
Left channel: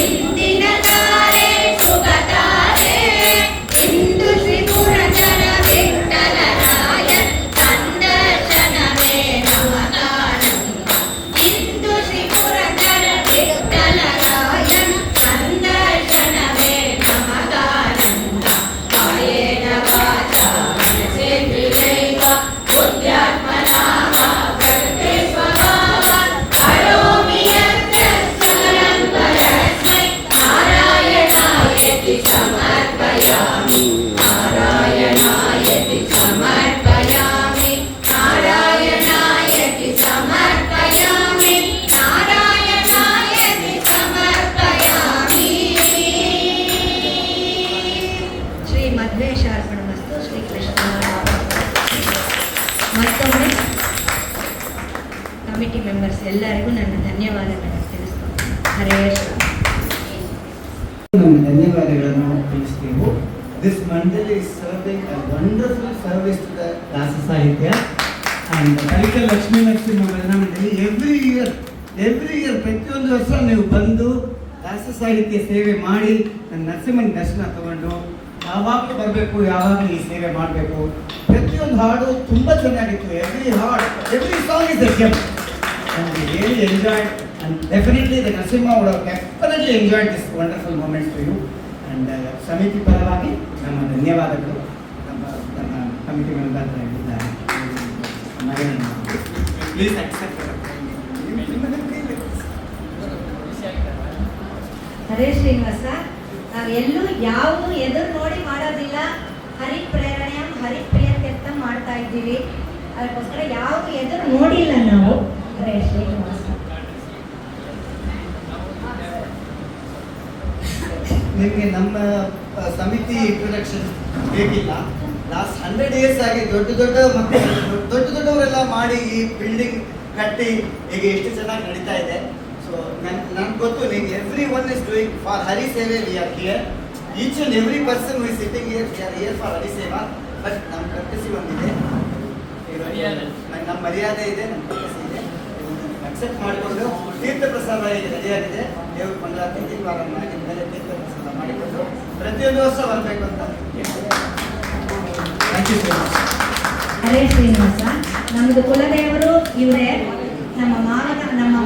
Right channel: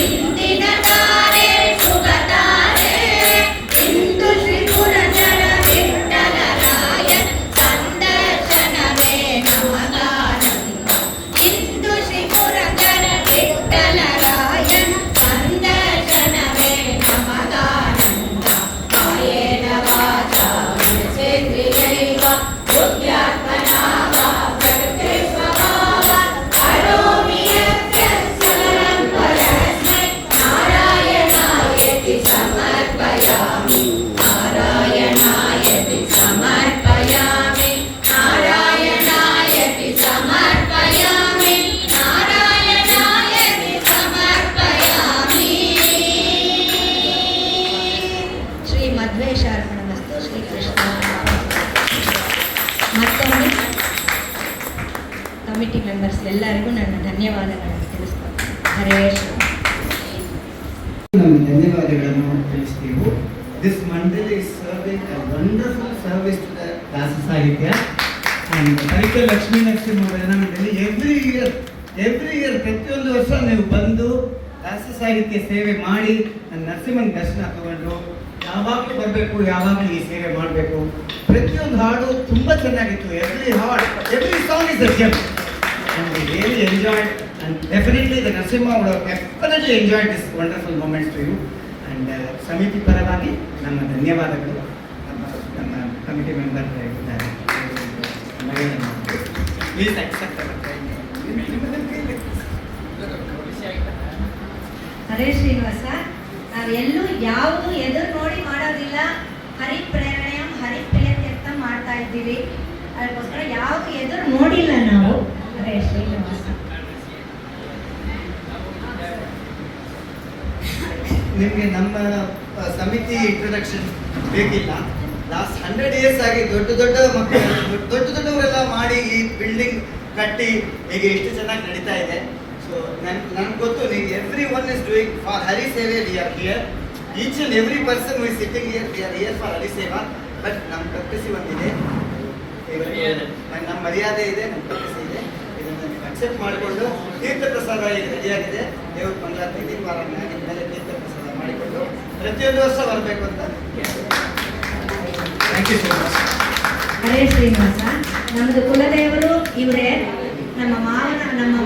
ಇಂದಿನ ತಾರೆ ಶುಭ ತಾರೆ ಇಂದು ಶ್ರೀ ಪುರಂದರ ವಿಠ್ಠಲರಾಯ ಸಂದರ್ಶನವೇ ನಮಗಾನಂದ ಇಂದು ಶ್ರೀ ಪುರಂದರ ವಿಠ್ಠಲರಾಯ ಸಂದರ್ಶನವೇ ನಮಗಾನಂದ ಕಾಯೇನ ವಾಚಾ ಮನಸೇಂದ್ರಿಯೈವ ಬುದ್ಧ್ಯಾತ್ಮನಾ ವಾ ಪ್ರಕೃತಿ ಸ್ವಭಾವ ಕರೋಮಿ ಯತ್ಯ ಸಕಲಂ ಪರಸ್ಮೈ ನಾರಾಯಣಾಯತಿ ಸಮರ್ಪಯಾಮಿ ನಾರಾಯಣಾಯತಿ ಸಮರ್ಪಯಾಮಿ ನಾರಾಯಣಾಯತಿ ಸಮರ್ಪಯಾಮಿ ನಾರಾಯಣಾಯತಿ ಸಮರ್ಪಯಾಮಿ ಶ್ರೀ ಮಧ್ವೇಶಾರ್ಪಣಮಸ್ತು ಶ್ರೀ ಕೃಷ್ಣ ಮತ್ತೊಮ್ಮೆ ಕಮಿಟಿ ಮೆಂಬರ್ಸ್ ಎಲ್ಲರಿಗೂ ನನ್ನ ಧನ್ಯವಾದಗಳನ್ನು ತಿಳಿಸ್ತೀನಿ ಹರೇ ನಮ್ಮ ಧನ್ಯವಾದಗಳನ್ನು ತಿಳಿಸ್ತೀವಿ. This mandal is serving a wonderful service to the ದಾಸ ಸಾಹಿತ್ಯ and ಕಲಿಕೆ ಲಕ್ಷ್ಮೀ ನರಸಿಂಹವರನ್ನ ನಮ್ಮಲ್ಲಿ ಎವ್ರಿ ಇಯರ್ ಪ್ರತಿಯೊಂದು ವರ್ಷ ನೀವು ಬಂದು ದಾಸ ಸಾಹಿತ್ಯ ಸೇವೆ ಮಾಡಿ ನನ್ನ ನರಸಿಂಹನ ದರ್ಶನ ತಗೊಂಡು ಯಾವಾಗಲೂ ಬರಬೇಕು, ಯಾವಾಗಲೂ ಈ ಸೇವೆ ಮಾಡಬೇಕು. ಪ್ರತಿಯೊಂದು ಹಾಡು ತುಂಬ ಚೆನ್ನಾಗಿತ್ತು. Every song is a GeM and we really enjoyed and definitely the Narasimha would have definitely enjoyed this wonderful moment for you and ಸಮಿತಿ ಪರವಾಗಿ ನಮ್ಮ ಧನ್ಯವಾದಗಳು. ನಮ್ಮ ಕಮಿಟಿ ಮೆಂಬರ್ ಇದ್ದಾರೆ ಪ್ಲೀಸ್ ಅಕ್ಸೆಪ್ಟ್ ಹರೇ ಶ್ರೀನಿವಾಸ, ನಾವೆಲ್ಲೂ ಯಾವುದು ಎದುರು ನೋಡಿ ಮಾಡೋದಿಲ್ಲ. ಹರಿಪ್ರೇರಣೆಯ ಹರಿಪ್ರಿಯತ್ಯರ್ಥ ಮಾಡ್ತಾ ಇದ್ದೀವಿ. ಅದಕ್ಕೋಸ್ಕರ ಯಾವುದು ಎದುರು ನೋಡಿಲ್ಲ ನಾವು. ಹರೇ ಶ್ರೀನಿವಾಸ. ನಿಮಗೆ ನಮ್ಮ ಸಮಿತಿ ಇಂಟ್ರೊಡಕ್ಷನ್ ಬೇಕಿಲ್ಲ. ಲಾಸ್ಟ್ 100 years ಆಗಿ ದೊಡ್ಡವರೆಲ್ಲ ಮಾಡಿ ಈ ಬಿಲ್ಡಿಂಗ್ ಕಟ್ಟಿ ಈಗ ಎಷ್ಟು ಚೆನ್ನಾಗಿ ನಡೀತಾ ಇದೆ. ಸೊ ನನ್ಗೆ ಗೊತ್ತು ನೀವು every one is doing for Hari seva. We are here, each and every person who is sitting here, we are here for Hari seva. But ನಮ್ಮ ಕರ್ಕಸಿ ಒಂದಿದೆ, ನಮ್ಮ ಮರ್ಯಾದೆ ಇದೆ, ನಮ್ಮ ಕರ್ಕಸಿ ಇದೆ. ಇದನ್ನು ಅಕ್ಸೆಪ್ಟ್ ಮಾಡಿಕೊಂಡು ತೀರ್ಥ ಪ್ರಸಾದ ಈಗ ರೆಡಿಯಾಗಿದೆ. ದೇವ್ರ ಮಂಗಳಾರತಿ ದೀಪಾರ ಮಾಡಿದ ಮೇಲೆ ತೀರ್ಥ ಪ್ರಸಾದ ಮಾಡಿಕೊಂಡು ಪ್ರತಿಯೊಂದು ವರ್ಷ ಬರಬೇಕು ಅಂತ. Thank you so much. Hare Srinivasa. ನಮ್ಮದು ಕುಲದೇವರು ಇವರೇ. ನಮ್ಮ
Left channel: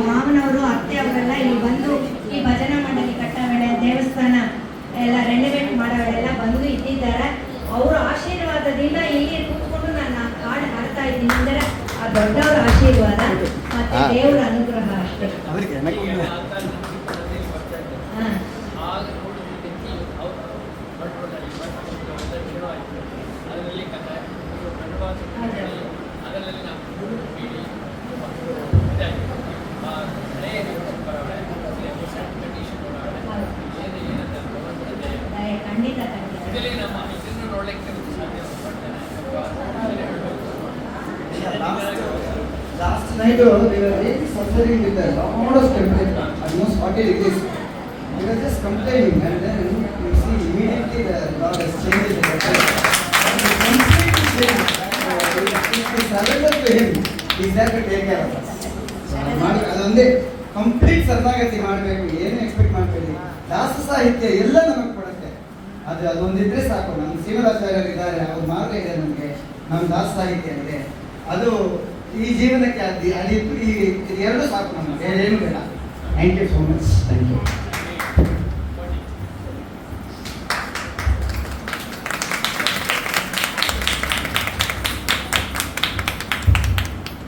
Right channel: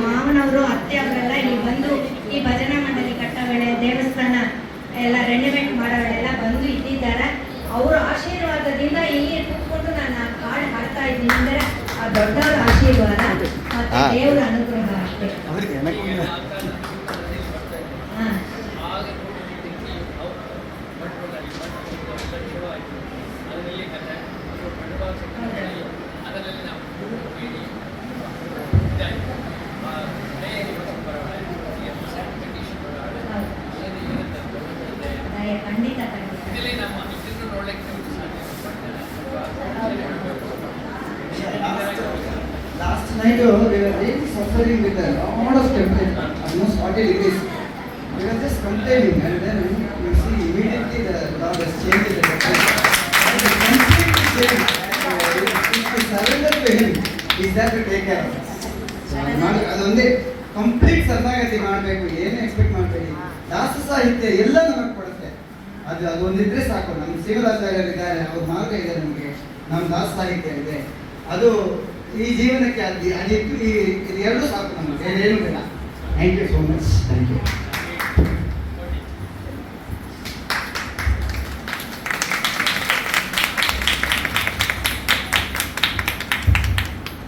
ಮಾವನವರು ಅತ್ತೆ ಅವರೆಲ್ಲ ಇಲ್ಲಿ ಬಂದು ಈ ಭಜನಾ ಮಂಡಳಿ ಕಟ್ಟೋ ವೇಳೆ, ದೇವಸ್ಥಾನ ಎಲ್ಲ ರೆನೋವೇಟ್ ಮಾಡೋ ವೇಳೆ ಎಲ್ಲ ಬಂದು ಇಟ್ಟಿದ್ದಾರೆ. ಅವರ ಆಶೀರ್ವಾದದಿಂದ ಇಲ್ಲಿ ಕೂತ್ಕೊಂಡು ನಾನು ಆ ಕಾಡು ಹಾಡ್ತಾ ಇದ್ದೀನಿ ಅಂದರೆ ಆ ದೊಡ್ಡವರ ಆಶೀರ್ವಾದ ಮತ್ತೆ ದೇವರ ಅನುಗ್ರಹ ಅಷ್ಟೇ. night they were really suffering with a lot of temptation, almost 40 degrees. They were just complaining, and then you see immediately the God has changed the temperature. Completely changed. If we surrender to Him, He is there to take care of us. ಅದೊಂದೇ complete ಶರಣಾಗತಿ ಮಾಡಬೇಕು, ಏನು expect ಮಾಡಬೇಡಿ. ದಾಸ ಸಾಹಿತ್ಯ ಎಲ್ಲ ನಮಗೆ ಕೊಡುತ್ತೆ, ಅದೊಂದಿದ್ರೆ ಸಾಕು. ನಮ್ಮ ಶ್ರೀನಿವಾಸಾಚಾರ್ಯರು ಇದ್ದಾರೆ, ಅವ್ರ ಮಾರ್ಗ ಇದೆ ನಮಗೆ, ನಮ್ಮ ದಾಸ ಸಾಹಿತ್ಯ ಇದೆ, ಅದು ಈ ಜೀವನಕ್ಕೆ ಅದಿತ್ತು. ಈ ಎರಡು ಸಾಕು ನಮಗೆ, ಬೇರೆ ಏನು ಬೇಡ. Thank you so much. Thank you.